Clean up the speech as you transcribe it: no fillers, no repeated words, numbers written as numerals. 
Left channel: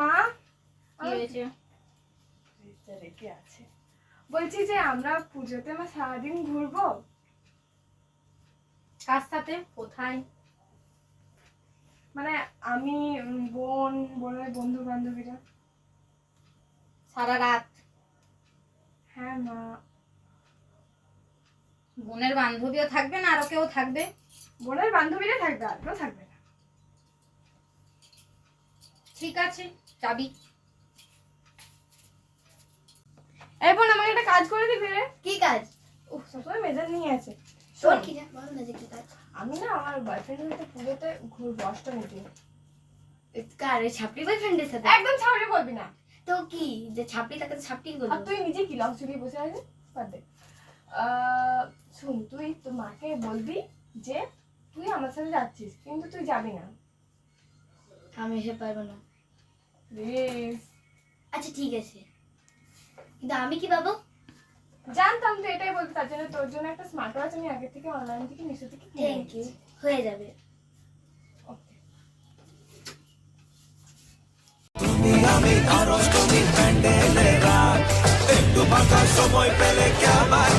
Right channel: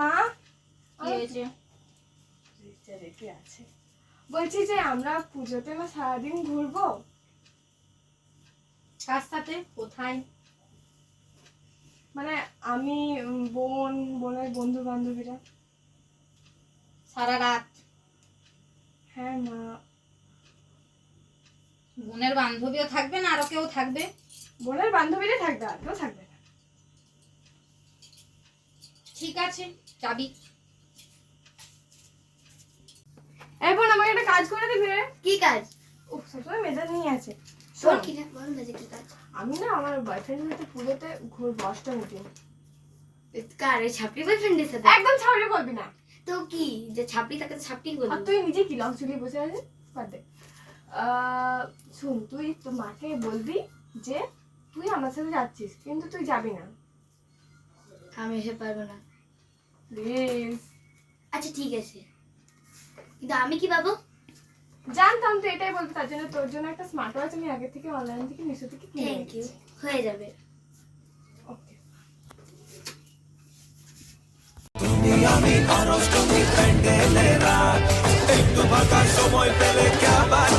মা কি হয়েছে? রেখে আছে, বলছি যে আমরা পুজোতে আমরা সারাদিন ঘুরবো। কার সাথে? কোথায়? মানে আমি, বোনের বন্ধু বান্ধবীরা। সারা রাত? হ্যাঁ মা। বোনের বান্ধবীও থাকবে না আরো কেউ থাকবে? বোনের বান্ধবীরা থাকবে, আর কেউ থাকবে না। ঠিক আছে, যাবি। এই বোন, আমাকে একটা কাজ করে দিবে। কি কাজ? ও সবসময় মেজাজ নিয়ে আছে। তোর কি কাজ? আমি না আমার বয়ফ্রেন্ডের সাথে পুজোতে ঘুরবো, অষ্টমীতে। কার? ওই ছাপড়ি বয়ফ্রেন্ডের সাথে? একদম ছাড়লে বলবি না। তো কি যে ছাপড়ি, তাকে তো ছাপড়ি আর বলবো। তুই নিজে কি লস ঝুলিয়ে বসে আছিস? বাদ দে। শুন, তুই তো মাকে বলবি যে তুই আমার সাথে যাচ্ছিস, কিন্তু তুই যাবি না আমি এসে পারবো না। প্লিজ। আচ্ছা ঠিক আছে, কিন্তু আমি কি পাবো? জানতাম তো এটাই বলতে, তার জন্য তোর জন্য একটা স্মার্ট ওয়াচ আমি আগে থেকে অনলাইন থেকে মিশো থেকে কিনে থ্যাংক ইউ, হয়ে যাবে। ওকে। তুমি আমি আর অষ্টমী প্যান্ডেলে রাত, একটু ফাঁকা সময় পেলে ক্যাবার